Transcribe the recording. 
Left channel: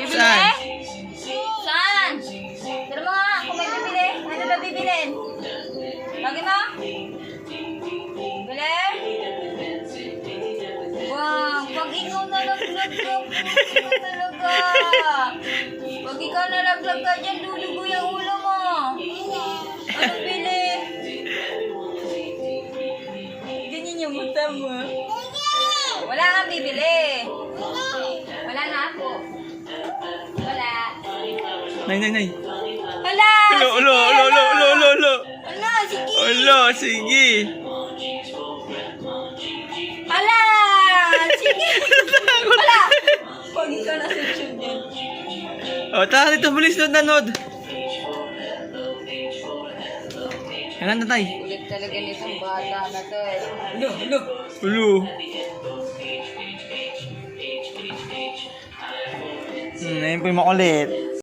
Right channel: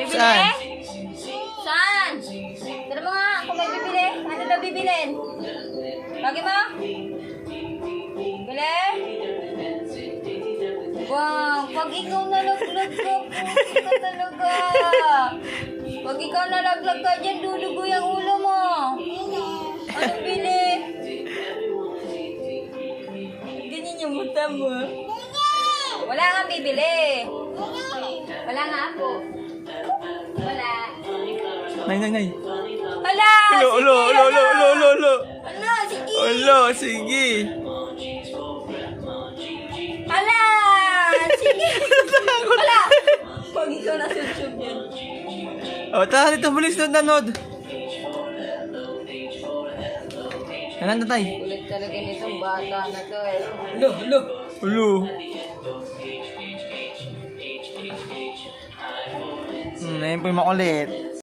Bibili? Saan? Saan? Tira mo nga kung may bibili. Ano na bibilin? Lagi mo? Bili? Wow, pag ikaw nalaglag ka, na talaga. Pag ikaw nalaglag ka dyan, lulugo yung ulo mo. Ano bili? Ganyan yung mata mo. Wala kang bibili. Wala nga ako. Wala. Nay. Wala! Ulo. Ano? Sige! Ulo, sige. Wala! Sige! Wala! Pag ikaw nasa YouTube yan. O, tara dito, bilis nanood. Yan na, tay. Ulit talaga nitong bata na to eh. Ulo. Ayun po yung makulit.